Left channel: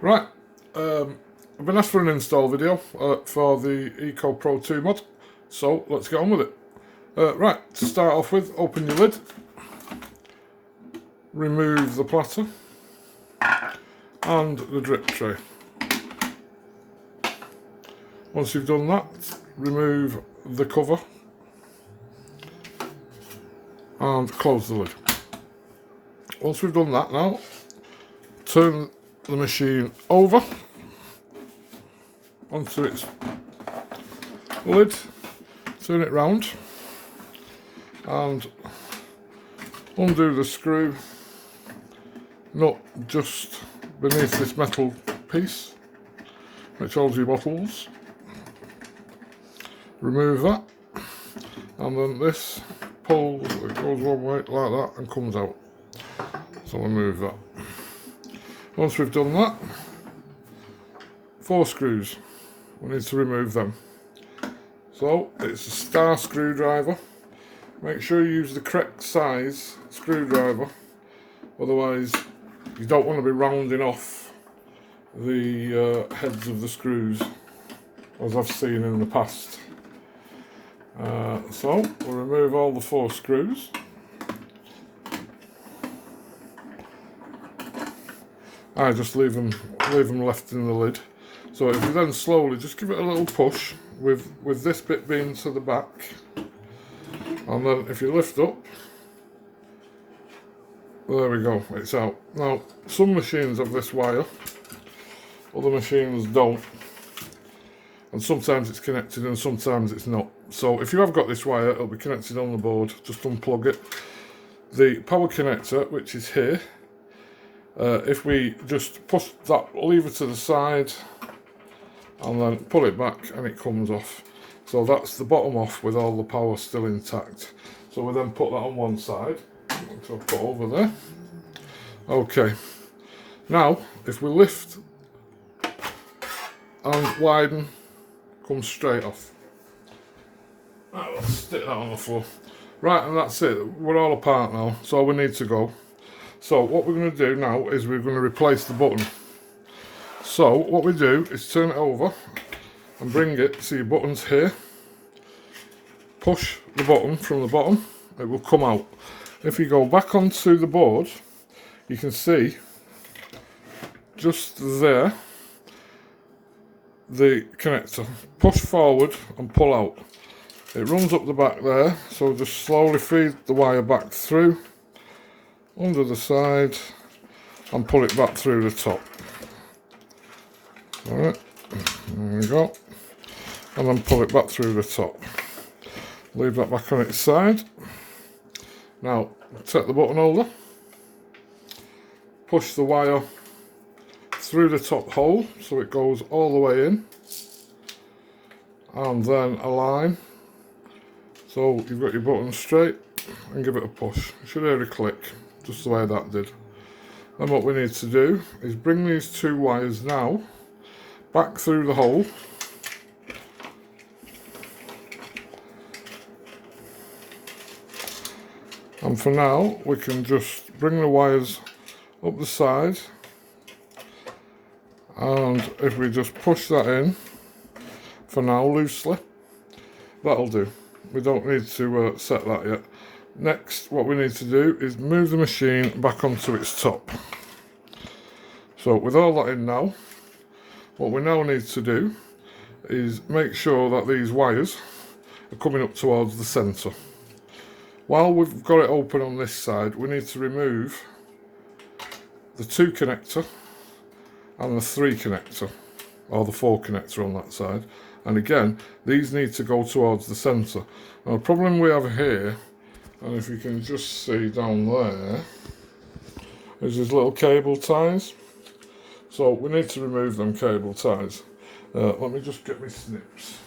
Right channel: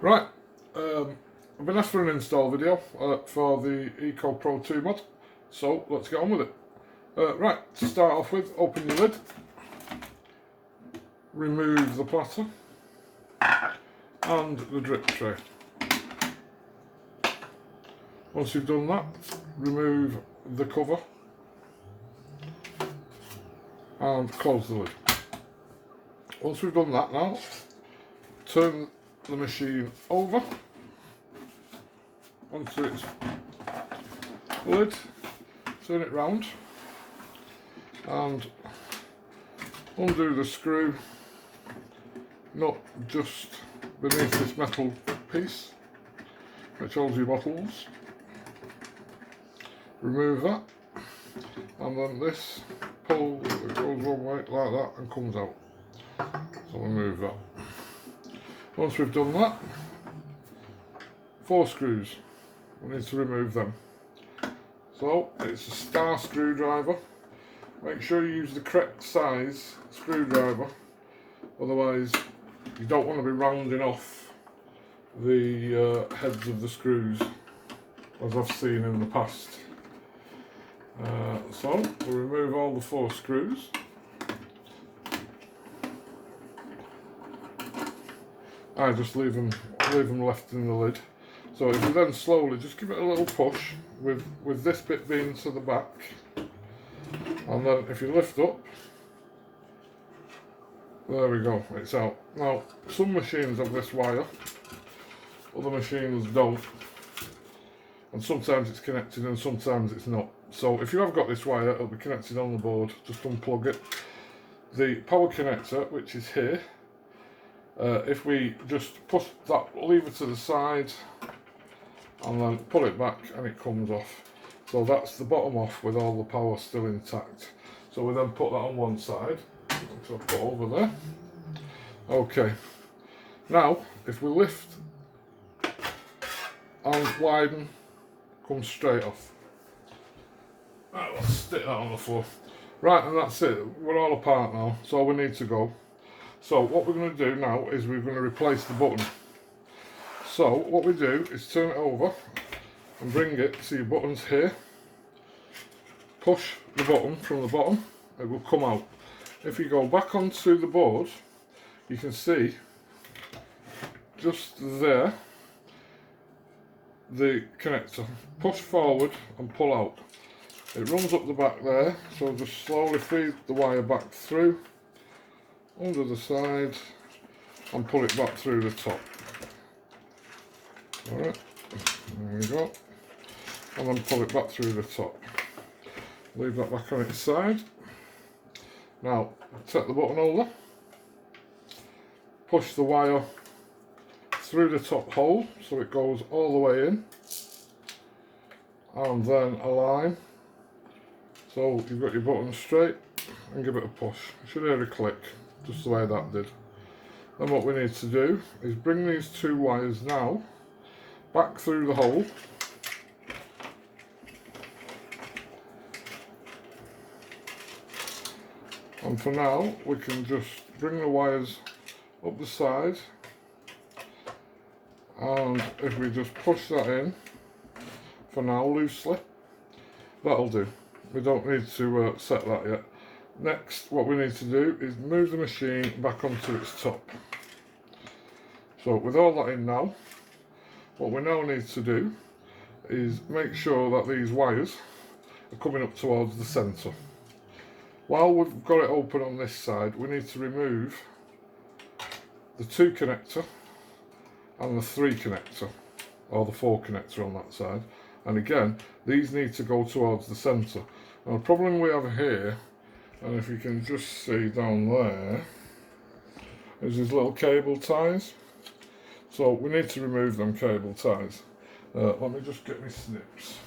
Right, I've been asked for an install video for the Eco Pro 2 mod, so let's get on with it. Right, to start off with, open your lid, remove the platter and the drip tray. Once you've done that, remove the cover and close the lid. Once we've done that now, turn the machine over onto its lid, turn it round and undo the screw nut just beneath this metal piece which holds your bottles. Remove that, and then this pull, it goes one way like that and comes out. So remove that. Once we've done that, 4 screws, we need to remove them. So it's a star screwdriver. Make sure you use the correct size screwdriver, otherwise you don't want to be rounding off the heads of the screws, as I've seen in the past. So we'll remove all the 4 screws. I just leave them left in the lid. So if you then slowly just give it a little push with this bit being to the back, and then if you lift up, there we go, it's out. Now some machines have this wire, other machines don't, and sometimes it's connected and sometimes it's not. So if you have got this wire, it'll be connected on the board, just unplug it. The power connector, which is here, if we just push that lever to the side and then pull it back and it comes off. So that's the bottom off with all the power still intact. So we then put that on one side, which I'll put over there. Okay, now if we lift and widen, comes straight off. Right, let's stick that on the floor. Right, and that's it, we're all apart now, so we need to go. So what we're going to do now is we're going to replace the button. So what we do is turn it over and bring it, see your button's here. Push the button from the bottom, it will come out. If you go back onto the board, you can see just there the connector. Push forward and pull out. It runs up the back there, so just slowly feed the wire back through under the side and pull it back through the top. Alright, there we go. And then pull it back through the top. Leave that back on its side. Now take the button over, push the wire through the top hole so it goes all the way in, and then align. So you've got your button straight and give it a push. You should hear a click, just the way that did. Then what we need to do is bring these 2 wires now back through the hole. And for now, we can just bring the wires up the side, and if we just push that in, for now loosely, that'll do. We don't need to set that yet. Next, what we need to do is move the machine back onto its top. So with all that in now, what we now need to do is make sure that these wires are coming up towards the centre. While we've got it open on this side, we need to remove the 2 connector and the 3 connector, or the 4 connector on that side. And again, these need to go towards the centre. Now the problem we have here, and if you can just see down there, is these little cable ties. So we need to remove them cable ties. Let me just get my snips.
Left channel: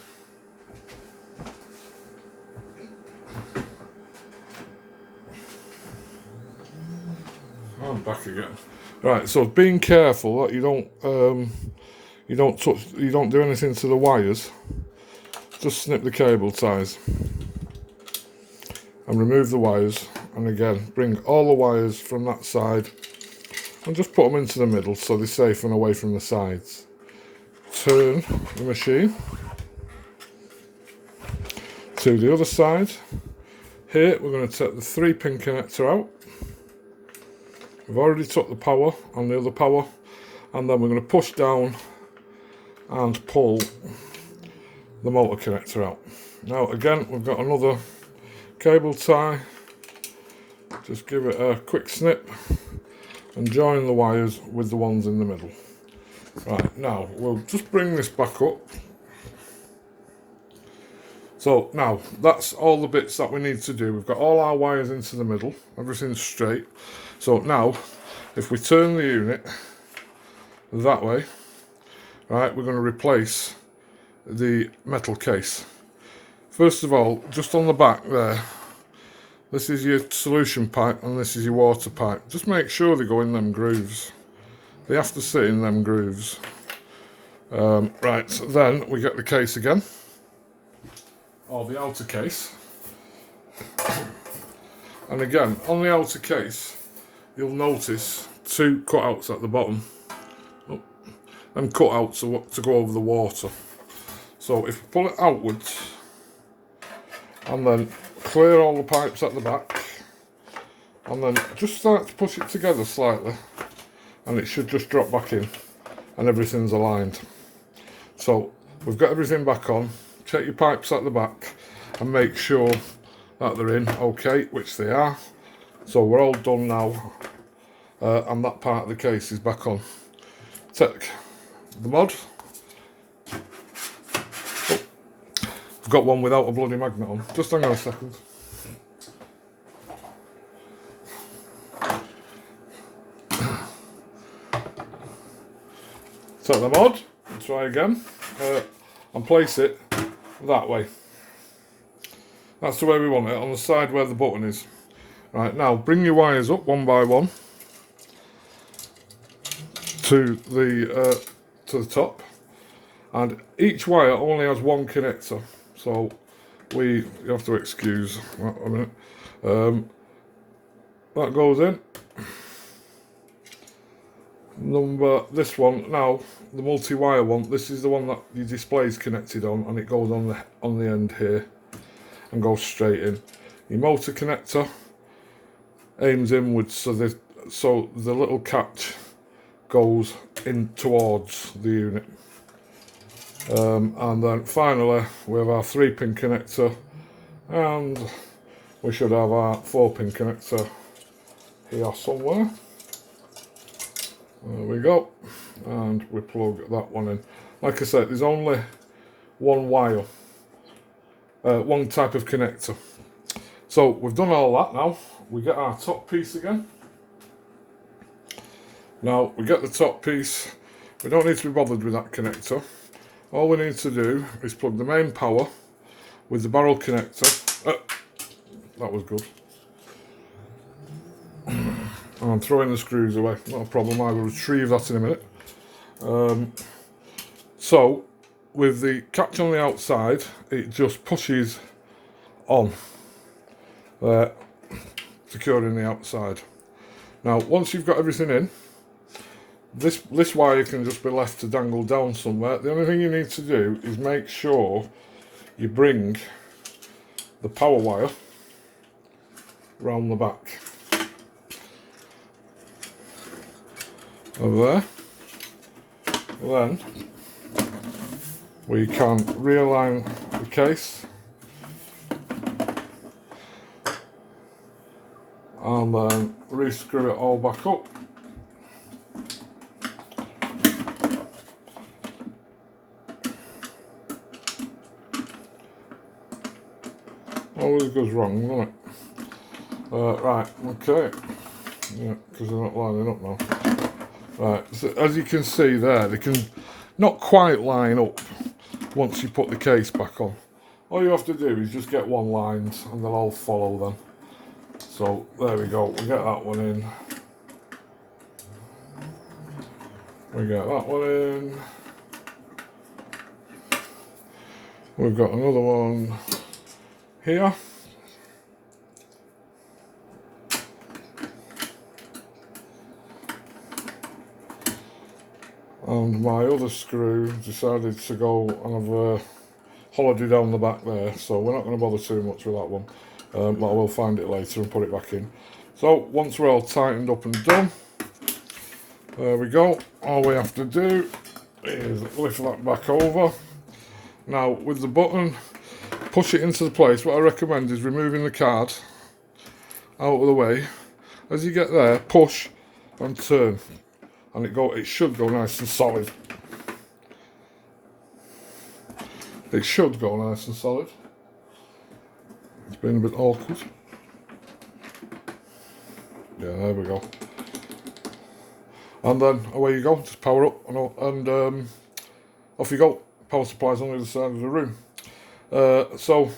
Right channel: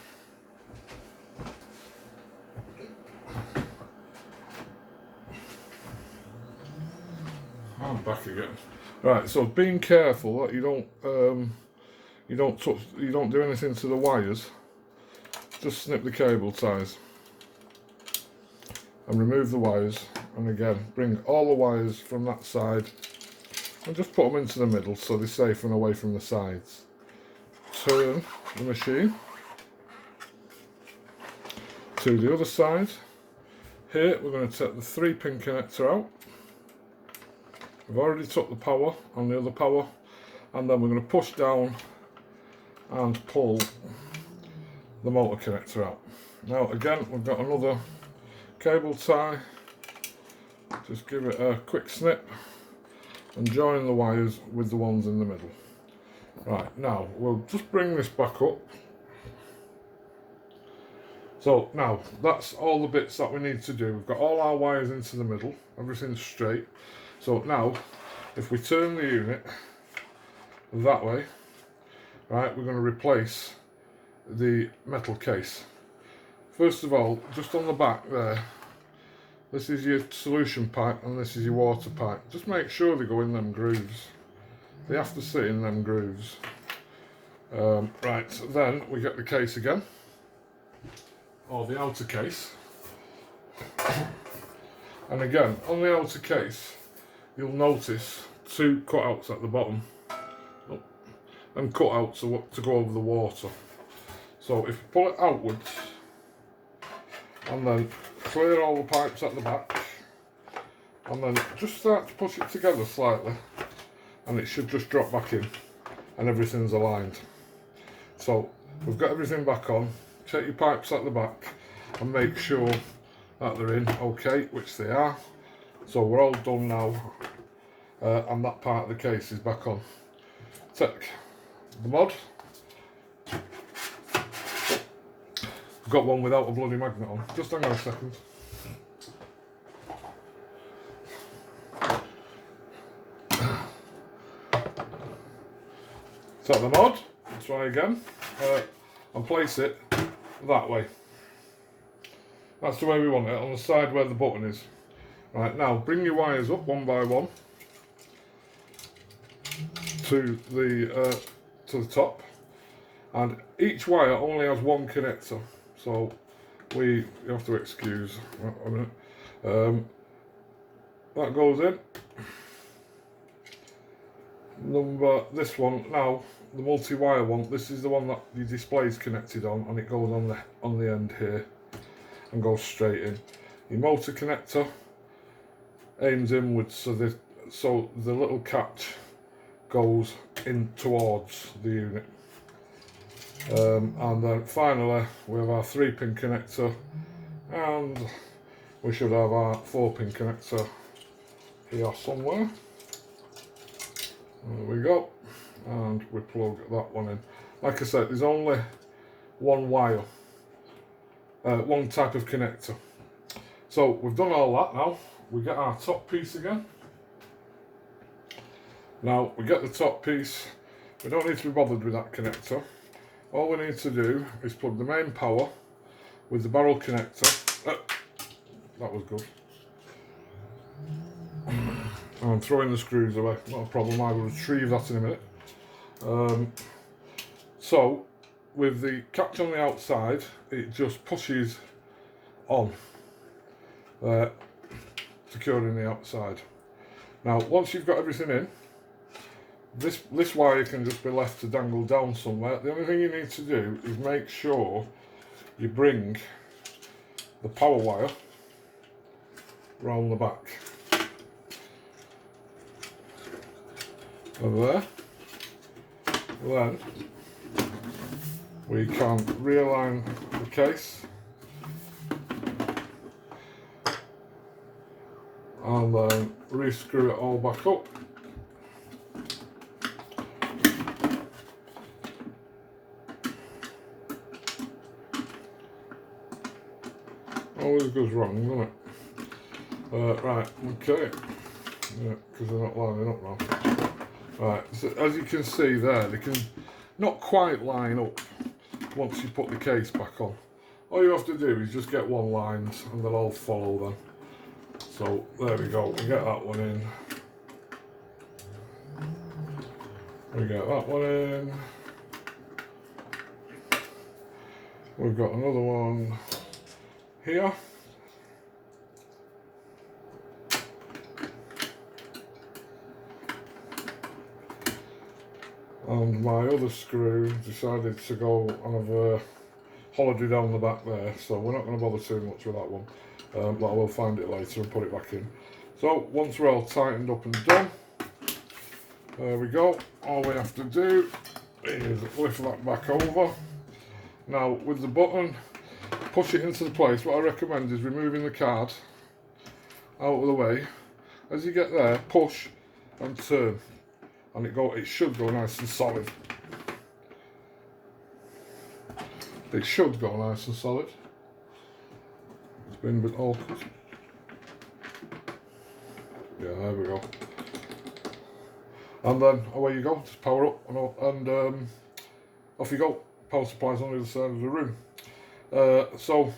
I'm back again. Right, so being careful that you don't do anything to the wires. Just snip the cable ties and remove the wires, and again bring all the wires from that side and just put them into the middle so they're safe and away from the sides. Turn the machine to the other side. Here we're going to take the 3-pin connector out. We've already took the power on the other power, and then we're going to push down and pull the motor connector out. Now again, we've got another cable tie. Just give it a quick snip and join the wires with the ones in the middle. Right, now we'll just bring this back up. So now that's all the bits that we need to do. We've got all our wires into the middle, everything's straight. So now if we turn the unit that way, right, we're going to replace the metal case. First of all, just on the back there, this is your solution pipe and this is your water pipe. Just make sure they go in them grooves. They have to sit in them grooves. Right, so then we get the case again, or the outer case. And again, on the outer case, you'll notice 2 cutouts at the bottom. And cutouts to go over the water. So if you pull it outwards, and then clear all the pipes at the back, and then just start to push it together slightly, and it should just drop back in, and everything's aligned. So we've got everything back on. Check your pipes at the back and make sure that they're in okay, which they are. So we're all done now, and that part of the case is back on. Take the mod. I've got one without a bloody magnet on. Just hang on a second. Take the mod, try again, and place it that way. That's the way we want it, on the side where the button is. Right, now bring your wires up one by one to the top, and each wire only has one connector, so you have to excuse a minute. That goes in. This one now, the multi-wire one, this is the one that your display's connected on, and it goes on the end here and goes straight in. Your motor connector aims inwards, so the little catch goes in towards the unit. And then finally we have our 3-pin connector, and we should have our 4-pin connector here somewhere. There we go, and we plug that one in. Like I said, there's only one wire, one type of connector. So we've done all that. Now we get our top piece again. Now we get the top piece, we don't need to be bothered with that connector. All we need to do is plug the main power with the barrel connector. That was good. I'm throwing the screws away, not a problem, I will retrieve that in a minute. So with the catch on the outside, it just pushes on there, securing the outside. Now once you've got everything in, this wire can just be left to dangle down somewhere. The only thing you need to do is make sure you bring the power wire round the back. Over there. Then we can realign the case and then re-screw it all back up. Always goes wrong, doesn't it? Right, okay. Yeah, because they're not lining up now. Right, so as you can see there, they can not quite line up once you put the case back on. All you have to do is just get one lined and they'll all follow then. So there we go, we get that one in. We get that one in. We've got another one here. And my other screw decided to go and have a holiday down the back there, so we're not going to bother too much with that one, but I will find it later and put it back in. So once we're all tightened up and done, there we go. All we have to do is lift that back over. Now with the button, push it into the place. What I recommend is removing the card out of the way. As you get there, push and turn, and it should go nice and solid. It should go nice and solid. It's been a bit awkward. Yeah, there we go. And then away you go, just power up and off you go. Power supply's on the other side of the room. So